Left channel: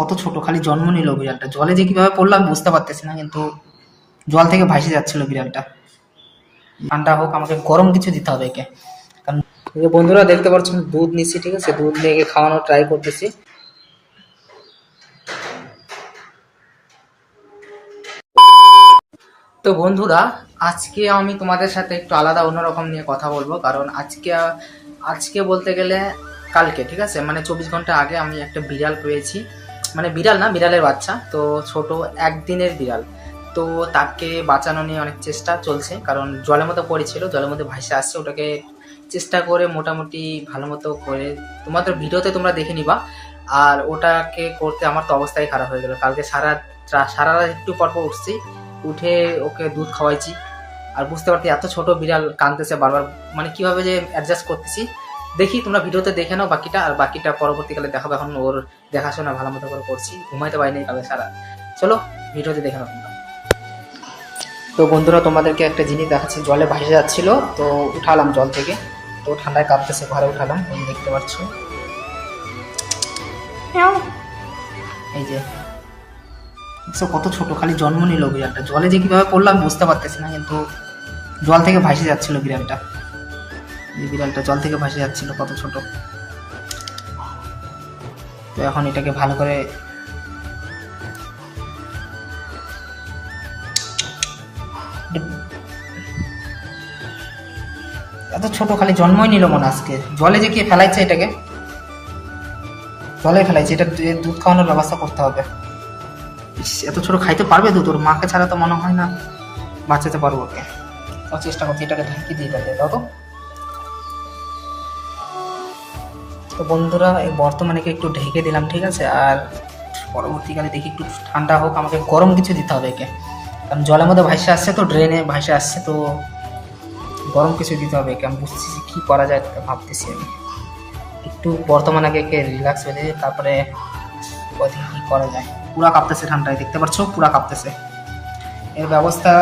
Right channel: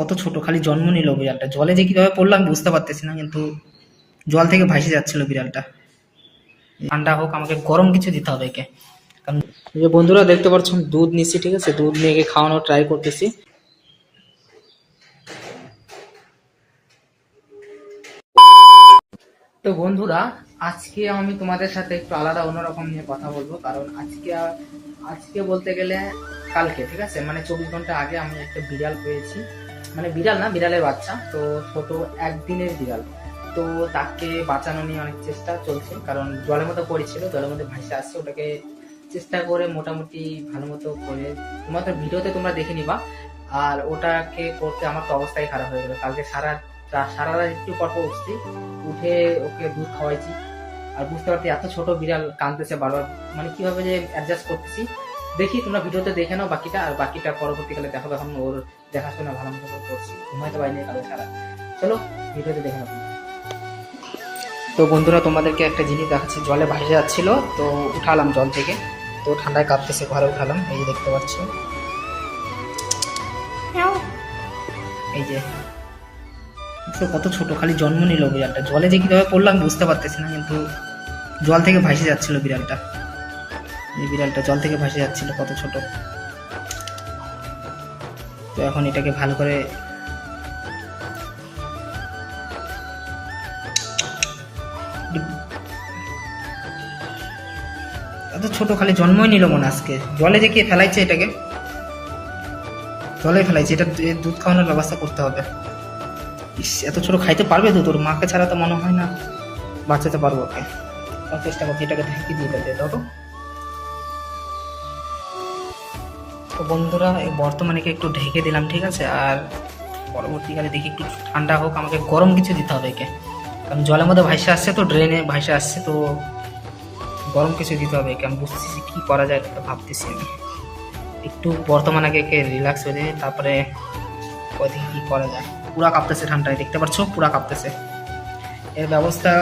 কত ছোট, খালি জন্ম নিল বিড়ালটা। জলে যে কিভাবে পড়লাম বুঝতে পারতেছি না, কিন্তু জল থেকে ভাসে যাচ্ছিল বিড়ালটা। ঠান্ডা হোক, আমাকে গরম কিছু দিতে হবে একে। কারণ যে বন্ধুরা দেখতে পাচ্ছেন দুধ নিচ্ছি, ঠিক আছে, দুধ নিয়ে একে খাওয়ানোর ট্রাই করতেছি। তো বন্ধুরা, আজকে আমি তোমাদের সাথে একটু আলাদা অন্যরকম নিয়ে কথা বলবো। কারণ আজকে আজকে বলতে গেলে কালকে, ঠিক আছে, মানে 24 ঘন্টা আগে আমি একটা বিড়াল পেয়েছি। মানে বিড়াল না, বিড়ালের বাচ্চা। তো ছোট, একদিনের বিড়াল। তো তাকে বাঁচানো নিয়ে অনেক চেষ্টা চলছে, কারণ জলের মধ্যে পড়েছিল, জলের মধ্যে ভাসে আসছে। ওটাকে চেষ্টা করে মোটামুটি ভালো মতো করে তোমাদের ভিডিওতে তোমরা দেখে নিবা। আর ওটাকে করতে আমার তো অবস্থাই খারাপ হয়ে গেল। কালকে সারা সারা রাত একটু পর পর উঠছি, উঠে ওকে দুধ খাওয়াইছি। আর বুঝতে পারছি এত ছোট বিড়াল কাঁদতেছে বারবার, মানে কিভাবে যে অ্যাডজাস্ট করতেছি। দেখি, তোমরা ভিডিওতে দেখে নাও বাকিটা, আর বাকিটা পরবর্তীকালে দেখাবো। এখন ওর দেখাশোনা ভালো মতো করে করছি, ঘুমাইতে পারিনি কালকে সারা। চলো ভিডিওতে দেখে নাও তোমরা। তো বন্ধুরা, তোমাদেরকে একটা জিনিস দেখাচ্ছি। জলে ভাসে যাচ্ছিল, তো উঠালাম জল থেকে। তো ঠান্ডায় কাঁপতেছে, ঘরে উঠালাম। এই যে দেখতে পাচ্ছ, এই যে কত ছোট, খালি জন্ম নিল বিড়ালটা। জলে যে কিভাবে পড়লাম বুঝতে পারতেছি না, কিন্তু জল থেকে ভাসে যাচ্ছিল বিড়ালটা। এই বিড়ালটা জল থেকে ভাসে যাচ্ছিল, কত ছোট। তো এখন এটাকে ভালো করে এত ছোট, খালি জন্মই নিল মনে আজকে। জলে যে কে ফেলাইছে এটাকে, জলে ফেলাইছে। এটা দুধ খাওয়ানোর ব্যবস্থা করতে হবে। এত ছোট খাইতে পারবে তো? তোর মাকে ছাড়া তো মনে হয় না বাঁচাতে পারবো ওকে। চেষ্টা করছি, এটাকে ঢেকে দিয়ে দাও তো। তো বন্ধুরা, এই বর্তমানে একটু ঢেকে দিলাম, ঠিক আছে। আর পরবর্তীকালে দেখি একটু ঠান্ডা হোক, আমাকে গরম কিছু দিতে হবে একে। কারণ জলের মধ্যে ভাসে আসছে, তো ড্রেনে ভাসে আসছে, তো গরম কিছু দিতে হবে একে। আমি বুঝতেছি কি করা যায়, ভাবতেছি আমি। একটু বর্তমানে একে রিল্যাক্স হয়ে যায়, তারপরে ওদিকে কি করা যায়। পুরা কাঁপতেছে ঠান্ডায়, দেখতে পাচ্ছ, পুরা কাঁপতেছে। এর ব্যবস্থা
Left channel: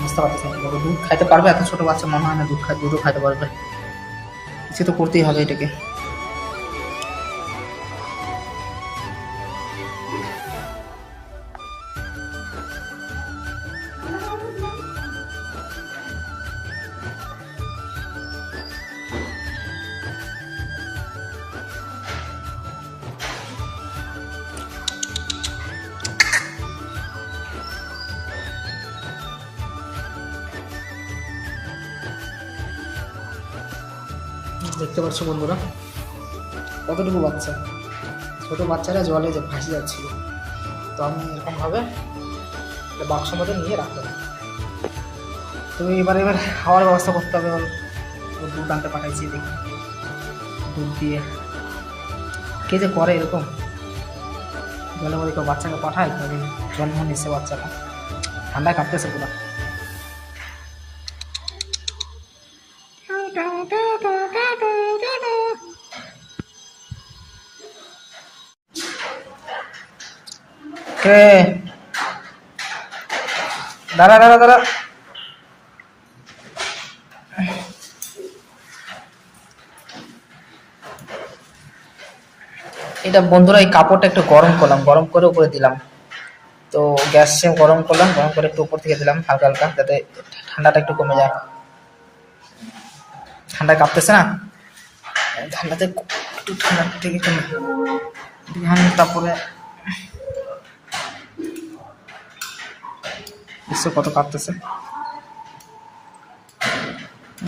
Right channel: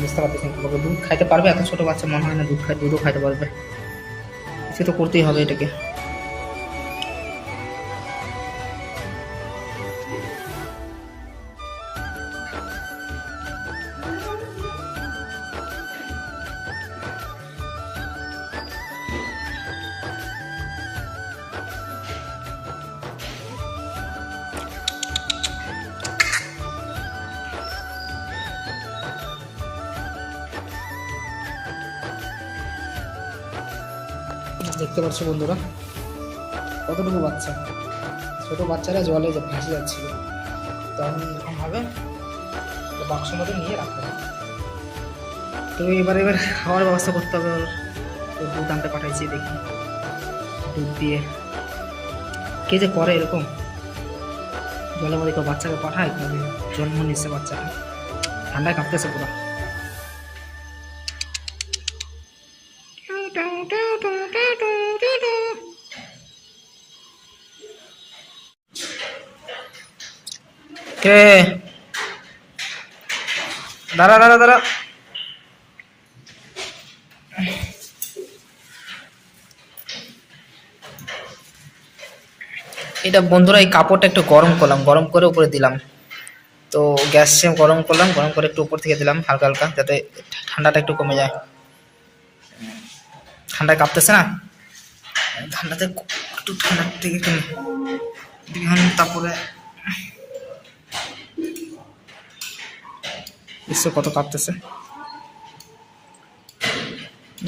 বুঝতে পারতেছি কি করবো। দুধ খাইতে পারবে? এত ছোট বাচ্চা মনে হয় না দুধও খাইতে পারবে। কিছু তো করতেই হবে এটাকে। দেখতে পাচ্ছ বন্ধুরা, কতটুকু বাচ্চা, ছোট বাচ্চারা জলে ভাসে যাচ্ছে। তো আমি এরকম ভাবে বাক্সের মধ্যে নিয়ে রাখতে হবে। তুমি এবার খাওয়ার ব্যবস্থা করতে হবে। তো দুধ আনতে পাঠাইছি, দেখি দুধ দিয়ে কে যে করে এরকম। জলের মধ্যে কেউ বাচ্চাকে পাঠায়, জন্ম নিচ্ছে বাচ্চাটা, ঠান্ডায় কাটতেছে পুরো। কে? দাঁড়া দাঁড়া দাঁড়া। এটা বন্ধুরা, এই কাপড়টা একটু গরম করলাম, গরম করে উপরে দিলাম। তো গ্যাস গরম করলাম, গরম করে একটু উপর থেকে দিলাম হালকা হালকা, যাতে ঠান্ডাটা একটু কমে যায়। ঠান্ডায় কাঁপতেছে না, ঠান্ডাতে একটু ঠান্ডা থেকে কমে। তারপরে কত কাঁপতেছে,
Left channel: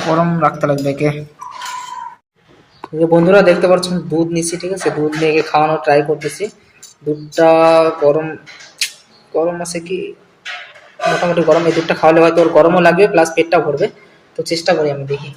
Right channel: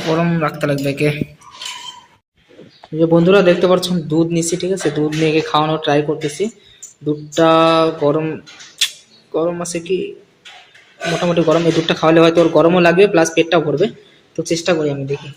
গরম রাখতে লাগবে একে। যে বন্ধুরা দেখতে পাচ্ছেন দুধ নিচ্ছি, ঠিক আছে, দুধ নিয়ে একে খাওয়ানোর ট্রাই করতেছি। দুধটা গরম গরম আছে কি, মোটামুটি গরম। এই দুধটা খাওয়ালে হয়তো ওর গরমও লাগবে, প্লাস পেটটা ভরবে। তো চেষ্টা করি, আমি দেখি।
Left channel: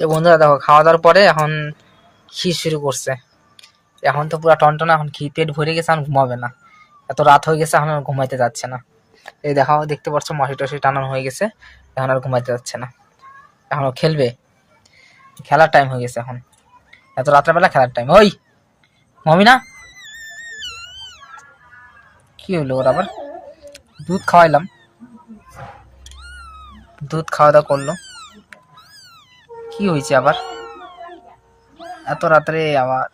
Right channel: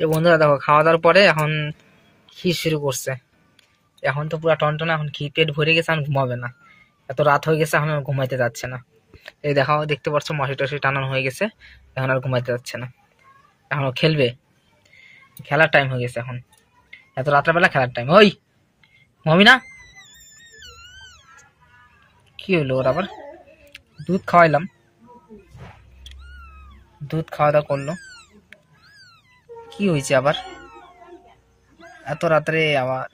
এই বন্ধুরা দেখো খাওয়া দাওয়ার পরে এখন খির শুরু করছে। এখন তো পুরো টনটনা, এখন ঘি পেট ভরে গেছে, এখন ঘুমাবে না। এত রাত হয়ে গেছে, এখন আর ঘুমাইতে যাচ্ছে না। এই দেখাও, দেখতে পাচ্ছ মশি টসি টানানো হয়ে গেছে, এখন আর ঘুমাইতে যাচ্ছে না। এখন ও খেলবে, খেলার টাইম হয়ে গেছে এখন, এত রাত্রেবেলা খেলার টাইম। ওই ঘুমাবি না? কি হলো ওর আবার? দুধ খাওয়াইলাম, দুধ খাওয়া দাওয়া করলো, কি হয়েছে আবার এত রাত্রে? আবার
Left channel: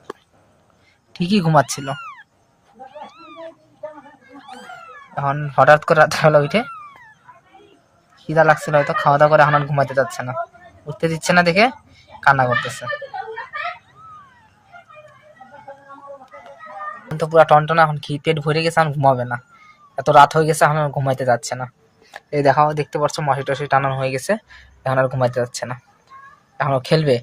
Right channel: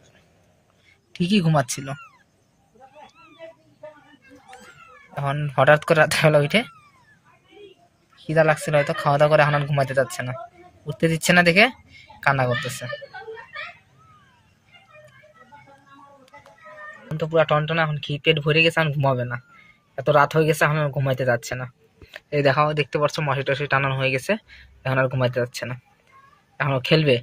ঠিকই ঘুমাচ্ছিল, এখন হঠাৎ করে রাত্রেবেলা উঠে খিদা লাগছিল হয়তো, খাওয়া দাওয়া করে এখন আর ঘুমাইতে যাচ্ছে না, উঠতে দিচ্ছে না দেখে কান্না করতেছে। এখন তো পুরো টনটনা, এখন ঘি পেট ভরে গেছে, এখন ঘুমাবে না। এত রাত হয়ে গেছে, এখন আর ঘুমাইতে যাচ্ছে না। এই দেখাও, দেখতে পাচ্ছ মশি টসি টানানো হয়ে গেছে, এখন আর ঘুমাইতে যাচ্ছে না। এখন ও খেলবে,